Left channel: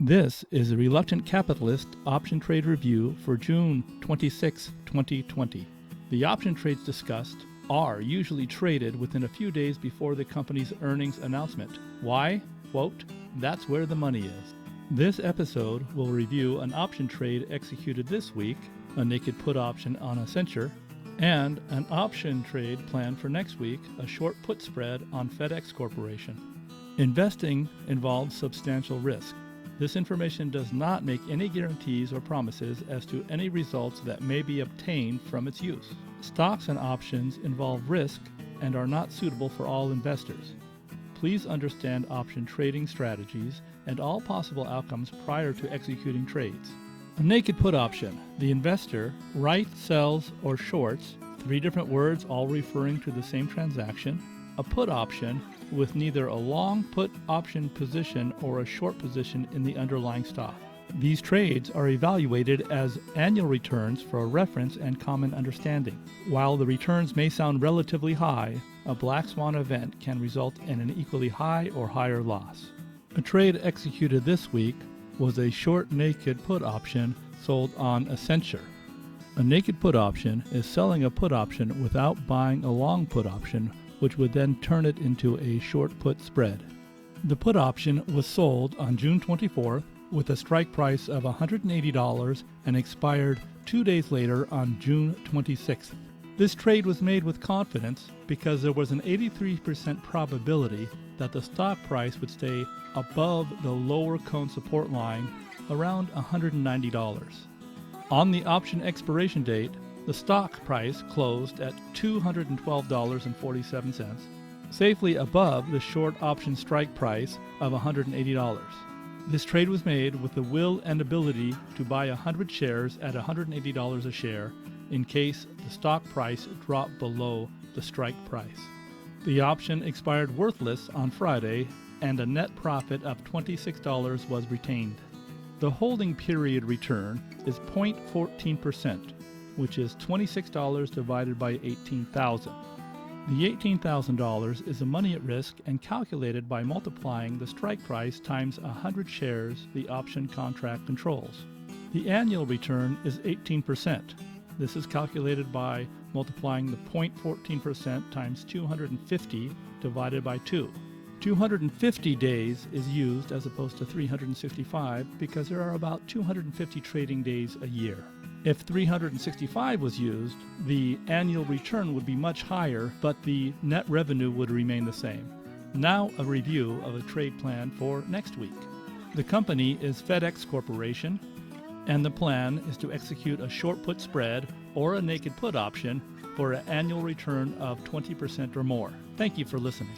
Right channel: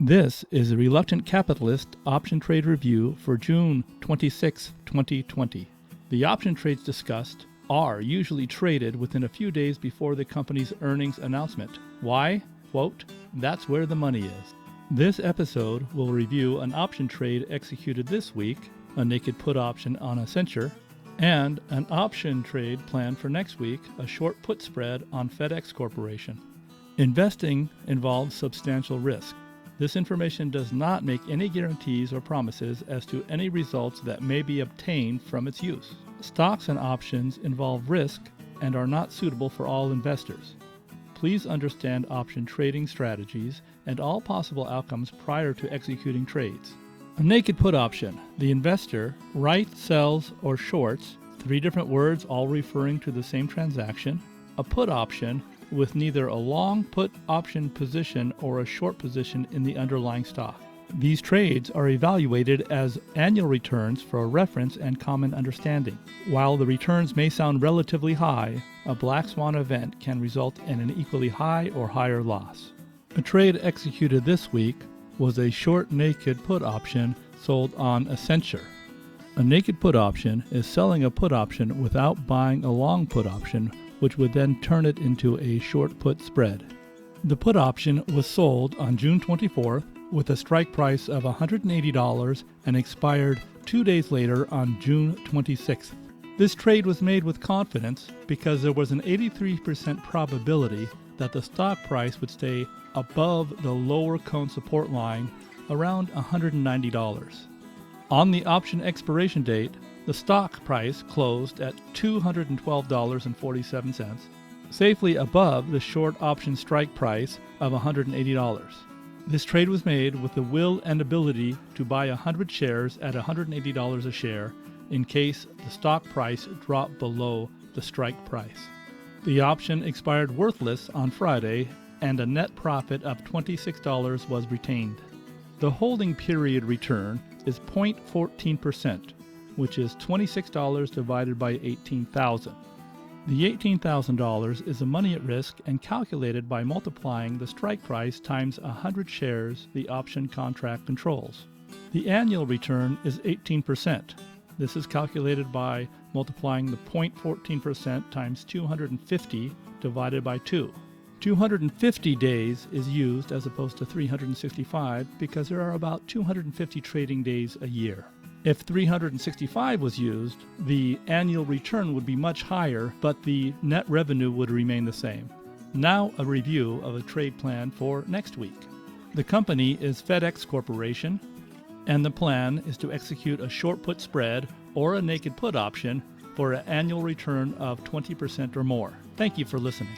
This is a Reluctant Capitalist option trade review for June 26, 2020. The option trades discussed are usually traded within a few days before the company's earnings announcement. Why? Quote, "That's where the money is." This episode will review an option trade executed this week, a naked put option on Accenture, and an option trade planned for next week, a short put spread on FedEx Corporation. Investing involves substantial risk. This information does not make any guarantees or promises as to any results that may be obtained from its use. Stocks and options involve risk and are not suitable for all investors. Please understand option trading strategies and all possible outcomes prior to executing trades. A naked put option. The investor writes, sells, or shorts, 3 different words all referring to the same transaction. A put option with neither a long put option position or a short position in the underlying stock. These trades are evaluated as annual returns for reference and common understanding. While the returns may sound relatively high, a black swan event can result in an equally high or higher loss. A trade executed this week was a short naked put option sold on Accenture. A naked put option is selling a put option without buying a long put option, which would then turn it into a short put spread. The put option was sold on June 24th with a strike price of $180 and expired 2 days later on June 26th. This trade was made with confidence because there was an 83% probability that the stock price would stay above the lower cone support line around $190. On the option expiration date, the stock price closed at $212.47, safely above the short option strike price of $180. This trade was made with the will and ability to buy 100 shares at $180 a share in case the stock price dropped below the strike price. The option expired worthless on Friday, and a net profit of $26 was retained. The holding period return is 0.14%, which is $26 divided by 18,000. The $18,000 is the money at risk and calculated by multiplying the strike price times 100 shares the option contract controls. The annual return is 18%. This is calculated by multiplying the 0.14% times 250 divided by 2. 250 days is used as opposed to 365 because there are about 250 trading days a year. If 365 was used, the annual return would be much higher, but the net revenue would remain the same. Now a review of a trade plan for next week. The company is FedEx Corporation, and the plan is to execute a short put spread or a naked put option for an annual return of 20% or more. Thank you for listening.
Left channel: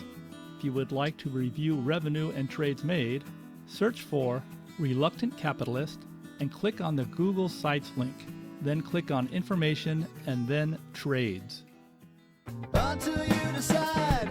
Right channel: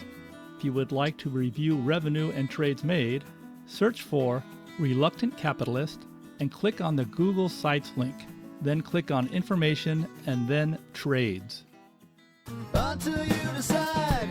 If you would like to review revenue and trades made, search for Reluctant Capitalist and click on the Google Sites link. Then click on Information and then Trades. Until you decide